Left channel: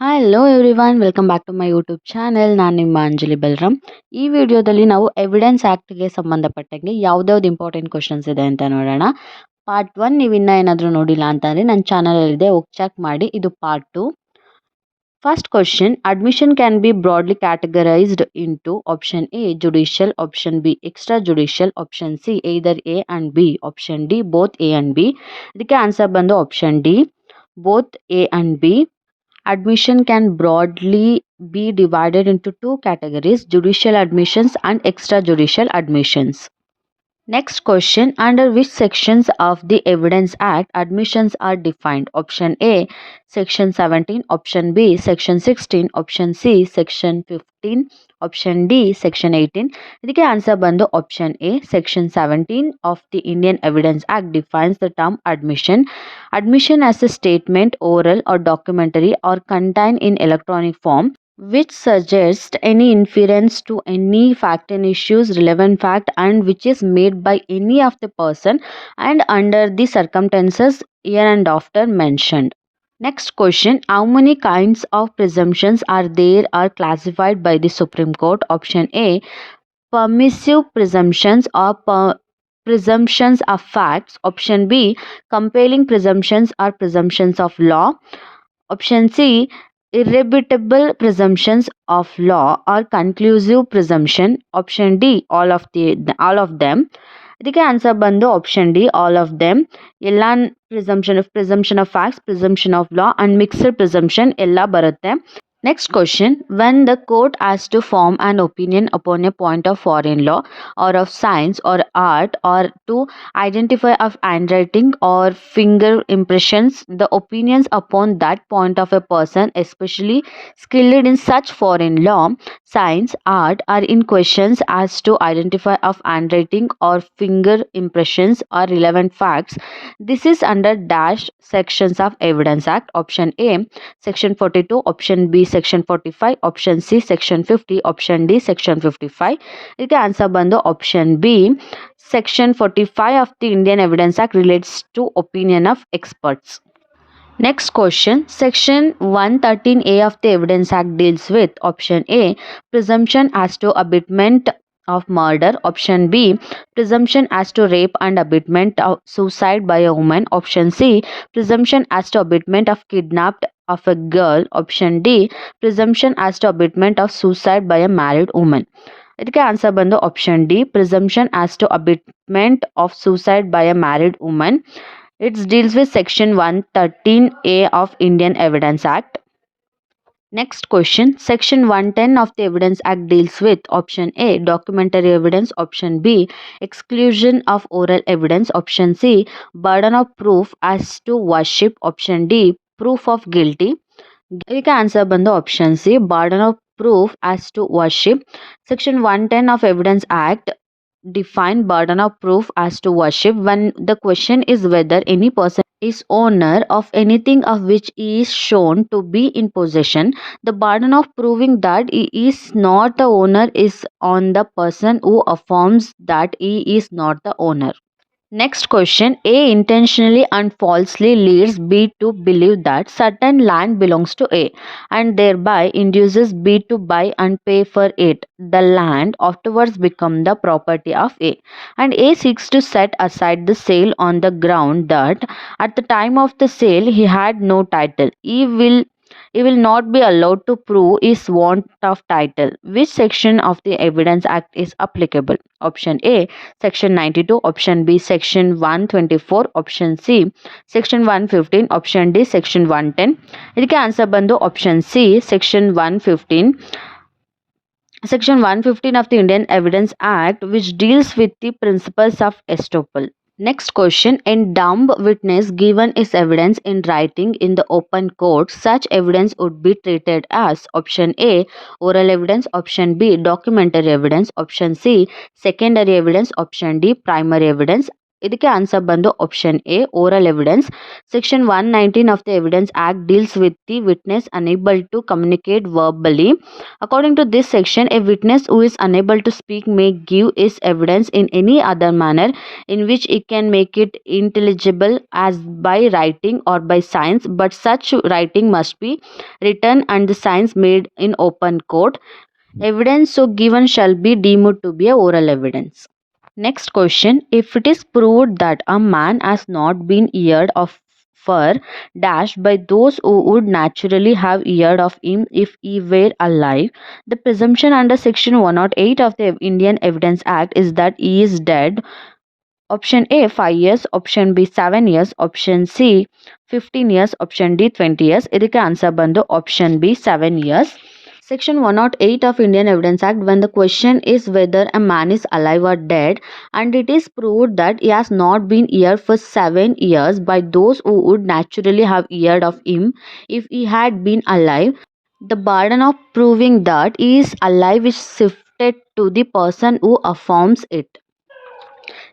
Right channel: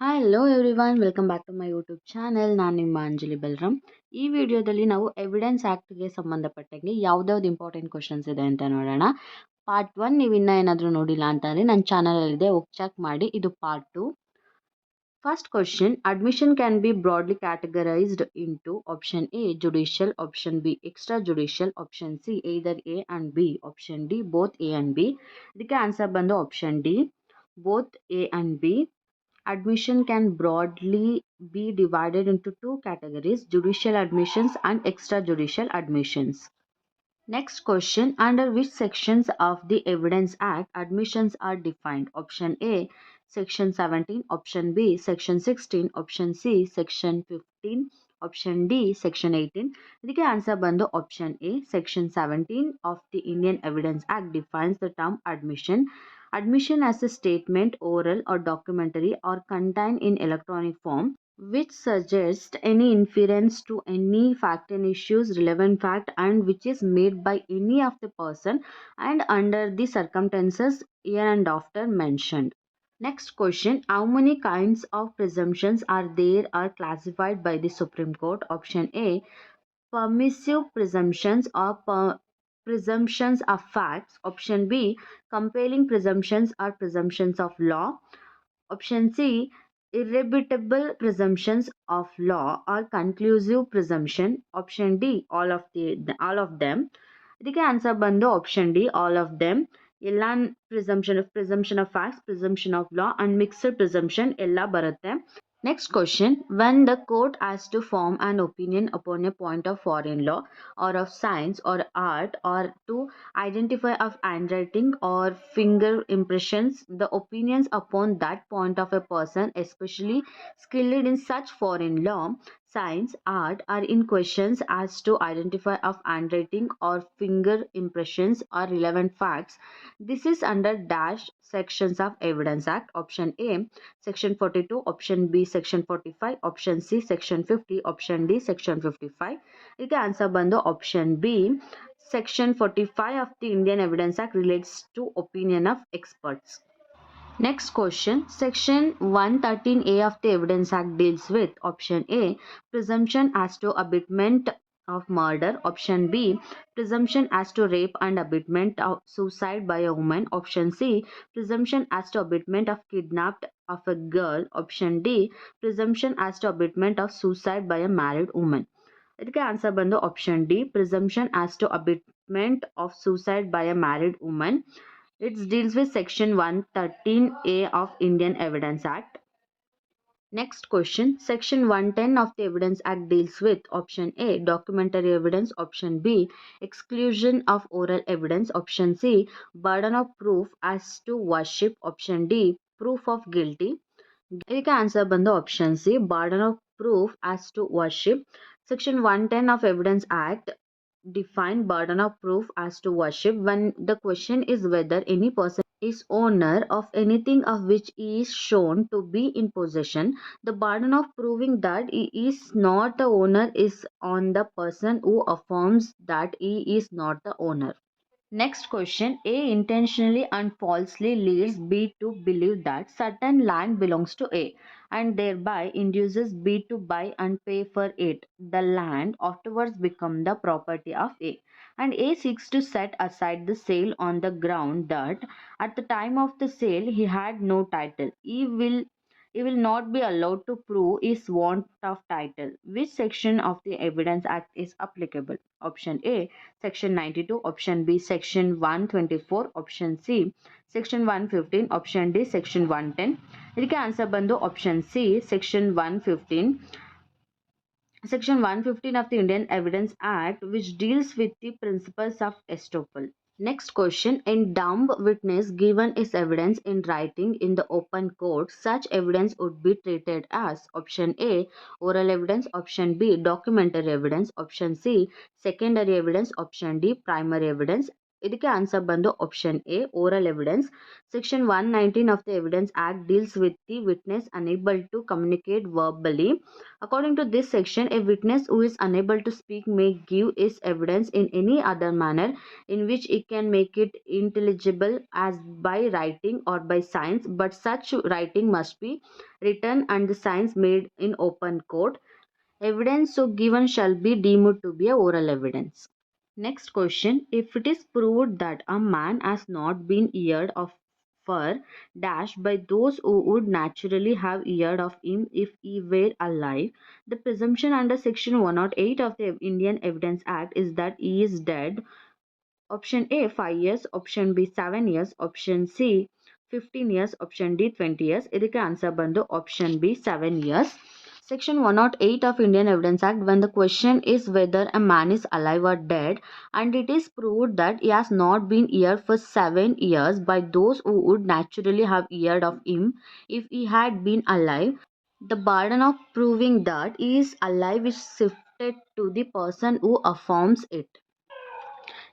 Hello everyone, welcome back to my YouTube channel. ನಾನು ನಿಮ್ಮ ಅಂಜಲಿ ಬಲರಾಮ್. ಈ ವಿಡಿಯೋದಲ್ಲಿ ನಾವು ಎವಿಡೆನ್ಸ್ ಆ್ಯಕ್ಟ್ಗೆ ಸಂಬಂಧಪಟ್ಟಂಗೆ ಯಾವ್ದ್ಯಾವ್ದು ಇಂಪಾರ್ಟೆಂಟ್ ಕ್ವಶನ್ಸ್ ಇದೆ ಅಂತ ನೋಡೋಣ. ಪಾರ್ಟ್ 1 ನೀವು ಇನ್ನೂ ಏನಾದರೂ ನೋಡಿಲ್ಲ ಅಂತಂದರೆ ನನ್ನ ಚಾನಲಲ್ಲಿದೆ, ಹೋಗಿ ಚೆಕ್ ಮಾಡಿ. ಇದು part 2. First question: admission can be broadly categorized into option A judicial, option B extrajudicial, option C either A and B, option D both A and B. ಇದಕ್ಕೆ ಆನ್ಸರ್ ಬಂದು option D, both A and B. Admission can broadly be divided into two categories: judicial admissions and extrajudicial admissions. Next question: under which sections of the Evidence Act admissions are defined? Option A section 17, option B section 16, option C section 15, option D section 18. ಇದಕ್ಕೆ answer ಬಂದು option A, section 17 of the Indian Evidence Act defines the term admission. Admission as a statement, oral or documentary, or contained in electronic form, which suggests any inference to any fact and issues relevant fact, and which is made by any of the person and under the circumstances hereinafter mentioned. Next question: how many kinds of presumptions are classified by the Supreme Court? Option A permissive presumptions or presumptions of facts, option B compelling presumptions or presumptions of law, option C irrebuttable presumptions of law or conclusive presumption, option D all of them. ಇದಕ್ಕೆ answer ಬಂದು option D, all of them. ಎಲ್ಲ presumption of facts, presumption of law and mixed presumption ಎಲ್ಲ ಬರುತ್ತೆ. Next question: when the court has to form an opinion upon a point of foreign law or of science or art, or to identify of handwriting or finger impressions, the opinions upon that point of a person especially skilled in such foreign law, science, art are in questions as to identify of handwriting or finger impressions or relevant facts. This is under dash sections of Evidence Act. Option A section 42, option B section 45, option C section 50, option D section 55. ಇದಕ್ಕೆ answer ಬಂದು option B, section 45 of the Indian Evidence Act relates to opinion of experts. Next question: section 113A of the Evidence Act deals with option A presumption as to abetment of murder, option B presumption as to rape and abetment of suicide by a woman, option C presumption as to abetment of kidnapped of a girl, option D presumption as to abetment of suicide by a married woman. ಇದಕ್ಕೆ answer ಬಂದು option D, presumption as to abetment of suicide by a married woman. It deals with section 113A of Indian Evidence Act. Next question: section 110 of the Evidence Act deals with option A documentary evidence, option B exclusion of oral evidence, option C burden of proof as to worship, option D proof of guilty. ಇದಕ್ಕೆ answer ಬಂದು option C, burden of proof as to worship. Section 110 of Evidence Act define burden of proof as to worship when the question is whether any person is owner of anything of which he is shown to be in possession. The burden of proving that he is not the owner is on the person who affirms that he is not the owner. Next question: A intentionally and falsely leads B to believe that certain land belongs to A and thereby induces B to buy and pay for it. The land afterwards become the property of A, and A seeks to set aside the sale on the ground that at the time of the sale he had no title. He will not be allowed to prove his want of title. Which section of the Evidence Act is applicable? Option A section 92, option B section 124, option C section 115, option D section 110. ಇದಕ್ಕೆ answer ಬಂದು option C, section 115. Section 115 of the Indian Evidence Act, which deals with the principles of estoppel. Next question: in dumb witness given is evidence in writing in the open court, such evidence would be treated as option A oral evidence, option B documentary evidence, option C secondary evidence, option D primary evidence. ಇದಕ್ಕೆ answer ಬಂದು option A oral evidence. Section 119 of the Evidence Act deals with the witness unable to communicate verbally. According to this section, a witness who is unable to speak may give his evidence in any other manner in which he can make it intelligible, as by writing or by signs, but such writing must be written and the signs made in open court. Evidence so given shall be deemed to be a oral evidence. Next question. If it is proved that a man has not been heard of for dash by those who would naturally have heard of him if he were alive, the presumption under section 108 of the Indian Evidence Act is that he is dead. Option A 5 years, option B 7 years, option C 15 years, option D 20 years. ಇದಕ್ಕೆ answer ಬಂದು option B 7 years. Section 108 of Indian Evidence Act, when the question is whether a man is alive or dead and it is proved that he has not been here for 7 years by those who would naturally have heard of him if he had been alive, the burden of proving that he is alive is shifted to the person who affirms it.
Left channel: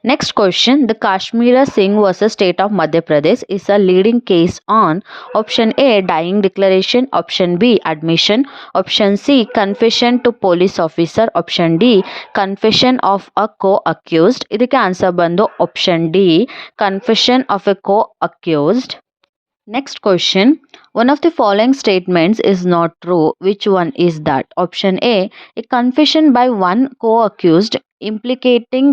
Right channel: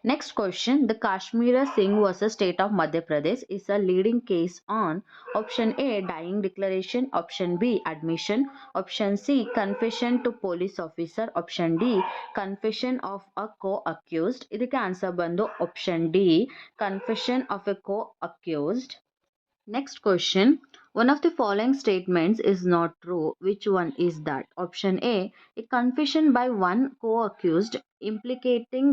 Next question. The Kashmir Singh vs. State of Madhya Pradesh is a leading case on option A dying declaration, option B admission, option C confession to police officer, option D confession of a co-accused. ಇದಕ್ಕೆ answer ಬಂದು option D confession of a co-accused. Next question. One of the following statements is not true. Which one is that? Option A confession by one co-accused implicating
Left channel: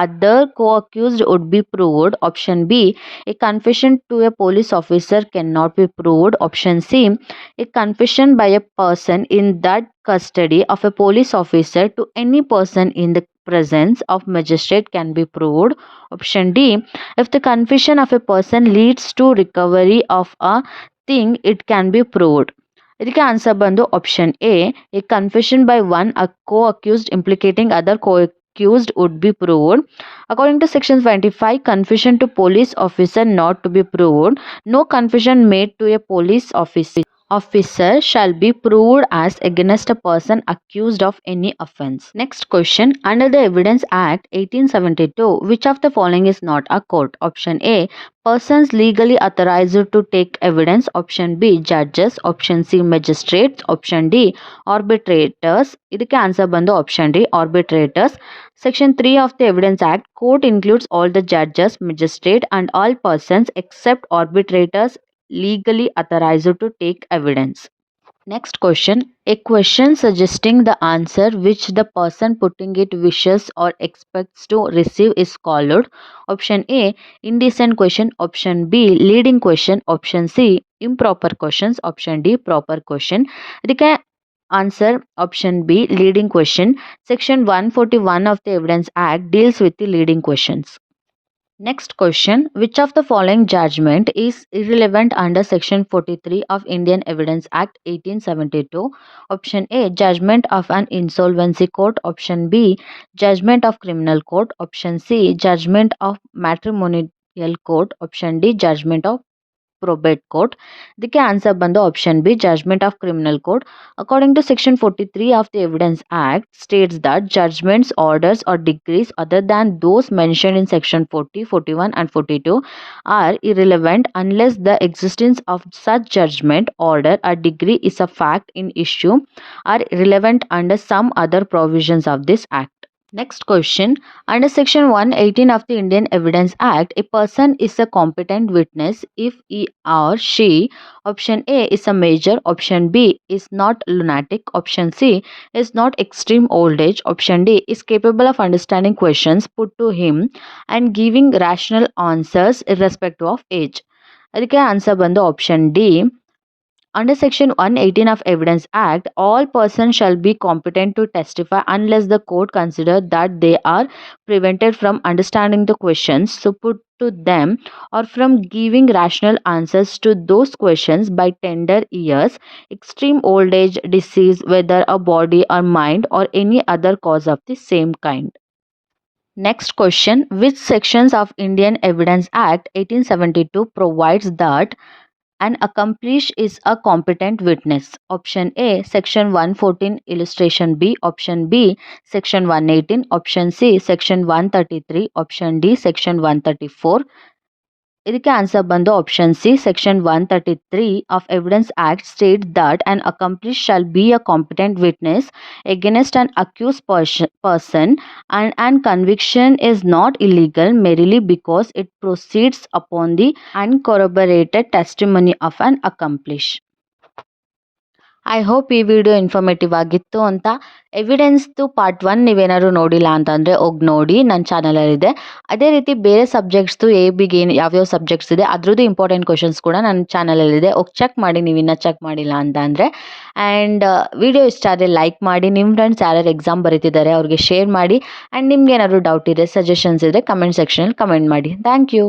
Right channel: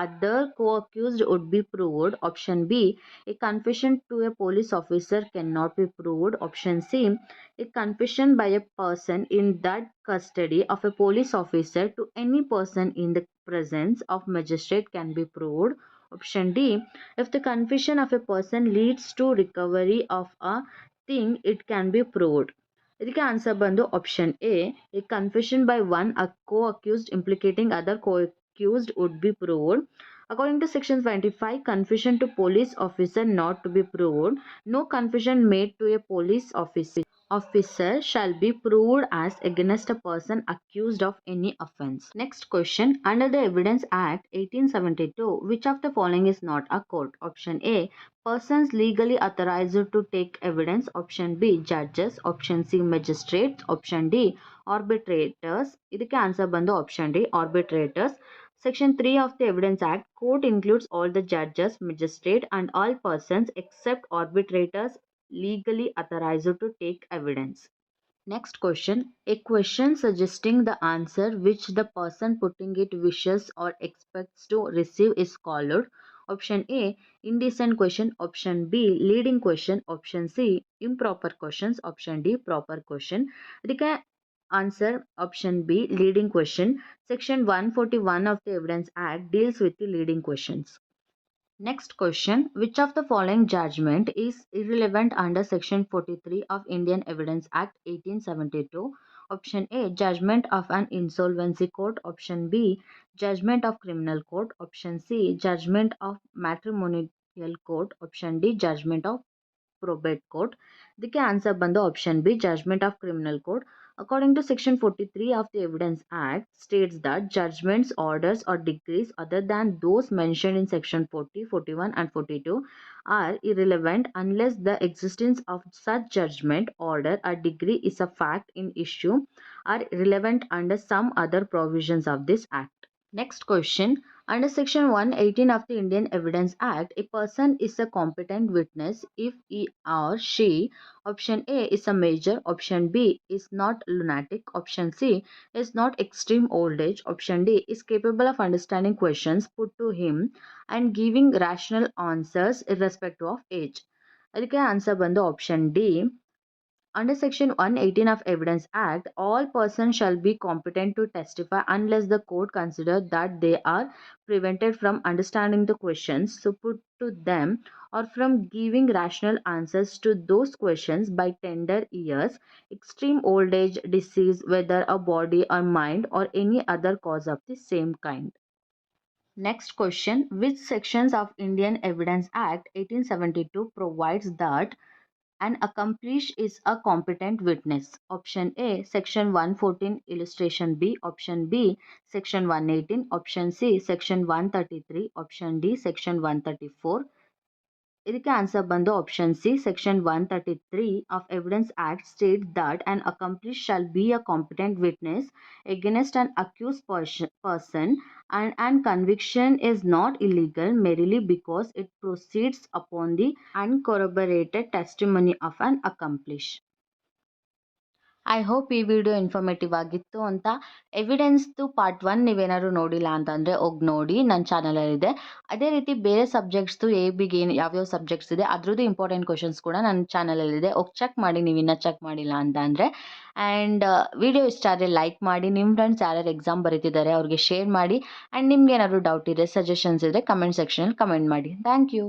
other co-accused would be proved. Option B, a confession to a police officer cannot be proved. Option C, a confession by a person in that custody of a police officer to any person in the presence of magistrate can be proved. Option D, if the confession of a person leads to recovery of a thing, it can be proved. ಇದಕ್ಕೆ answer ಬಂದು option A confession by one a co-accused implicating other co-accused would be proved. According to section 25, confession to police officer not to be proved. No confession made to a police officer shall be proved as against a person accused of any offense. Next question. Under the Evidence Act 1872, which of the following is not a court? Option A, persons legally authorized to take evidence. Option B, judges. Option C, magistrates. Option D, arbitrators. ಇದಕ್ಕೆ answer ಬಂದು option D arbitrators. Section 3 of the Evidence Act, court includes all the judges, magistrate and all persons except arbitrators legally authorized to take evidence. Next question. A question suggesting the answer which the person putting it wishes or expects to receive is called. Option A, indecent question. Option B, leading question. Option C, improper questions. Option D, proper question. ಇದಕ್ಕೆ answer option B, leading question. Section 141 of the Evidence Act deals with the leading questions. Next question. Which of the following judgment is irrelevant under section 43 of Indian Evidence Act 1872? Option A, judgment of an insolvency court. Option B, judgment of criminal court. Option C, judgment of matrimonial court. Option D, judgment of probate court. ಇದಕ್ಕೆ answer ಬಂದು option B judgment of criminal court. According to section 43 of the Evidence Act states that judgments, orders or decrees other than those mentioned in section 40, 41 and 42 are irrelevant unless the existence of such judgment, order or decree is a fact in issue or relevant under some other provisions of this act. Next question. Under section 118 of the Indian Evidence Act, a person is a competent witness if he or she, option A, is a major, option B, is not lunatic, option C, is not extreme old age, option D, is capable of understanding questions put to him and giving rational answers irrespective of age. ಅದಕ್ಕೆ answer ಬಂದು option D. Under section 118 of Evidence Act, all persons shall be competent to testify unless the court consider that they are prevented from understanding the questions so put to them or from giving rational answers to those questions by tender years, extreme old age, disease, whether a body or mind or any other cause of the same kind. Next question. Which sections of Indian Evidence Act 1872 provides that An accomplice is a competent witness. Option A, Section 114, Illustration B. Option B, Section 118. Option C, Section 133. Option D, Section 134. ಇದಕ್ಕೆ answer ಬಂದು option C section 133 of evidence act state that an accomplice shall be a competent witness against an accused person and conviction is not illegal merely because it proceeds upon the uncorroborated testimony of an accomplice. I hope ಈ video informative ಆಗಿತ್ತು ಅಂತ. ಎವಿಡೆನ್ಸ್ದು part 1 ನೀವೇನಾದ್ರು ನೋಡಿಲ್ಲ ಅಂತಂದರೆ ಹೋಗಿ ನೋಡಿ, ನನ್ನ ಚಾನಲಲ್ಲಿದೆ. ಅದೇ ರೀತಿ ಬೇರೆ ಸಬ್ಜೆಕ್ಟ್ಸ್ದು AIBಗೆ ಯಾವ್ಯಾವ ಸಬ್ಜೆಕ್ಟ್ಸ್ ಇದೆ ಅದ್ರದ್ದು ಇಂಪಾರ್ಟೆಂಟ್ ಕ್ವಶನ್ಸ್ ಕೂಡ ನನ್ನ ಚಾನಲಲ್ಲಿದೆ. ಹೋಗಿ ಚೆಕ್ ಮಾಡಿ ನೀವು ಇನ್ನೂ ಚೆಕ್ ಮಾಡಿಲ್ಲ ಅಂತ ಅಂದರೆ. ಆ್ಯಂಡ್ ವಿಡಿಯೋ ಇಷ್ಟ ಆದರೆ ಲೈಕ್ ಮಾಡಿ, ನಿಮ್ಮ ಫ್ರೆಂಡ್ಸ್ ಯಾರ್ಯಾರು ಎಕ್ಸಾಮ್ ಬರೀತಿದ್ದಾರೆ ಅವ್ರಿಗೆ ಶೇರ್ ಮಾಡಿ. ಆ್ಯಂಡ್ ನಿಮ್ಗೆ ಏನಾದರೂ ಡೌಟ್ ಇದೆ, ಸಜೆಷನ್ಸ್ ಇದ್ದರೆ ಕಮೆಂಟ್ ಸೆಕ್ಷನಲ್ಲಿ ಕಮೆಂಟ್ ಮಾಡಿ. Thank you.